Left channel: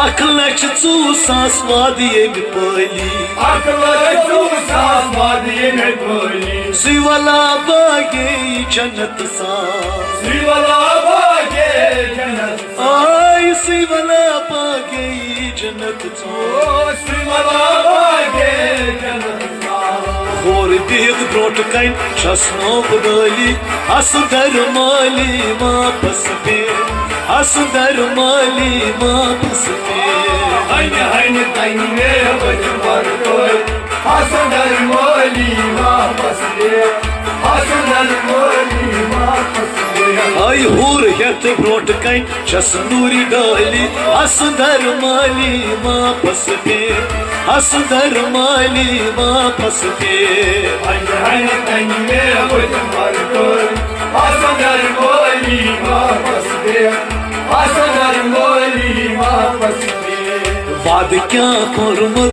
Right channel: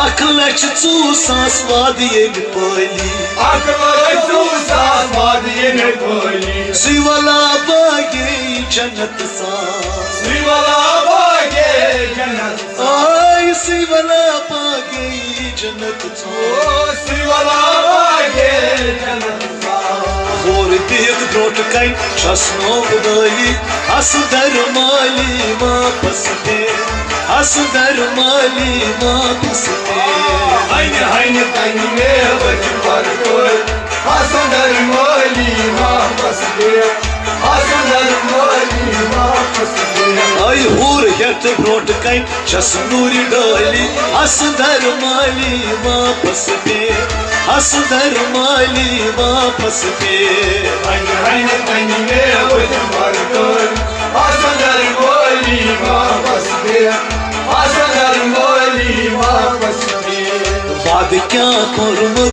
1,04,000 वादियन पली सिवला बागे जन्नत सा आय सिवला बागे जन्नत सा और देख ब्रोट कई चश्मो बदली असदर माली वापस पे असदर माली वापस पे Hayne kaynine var koy Hasanlar mali mahpasde Hasanlar mali mahpasde ay hur get brought कई चश्नूरी डाली असदर माली वापस पे असदर माली वापस पे Hayne kaynine var koy Hasanlar mali mahpasde Hasanlar mali mahpasde बाद क्या करूं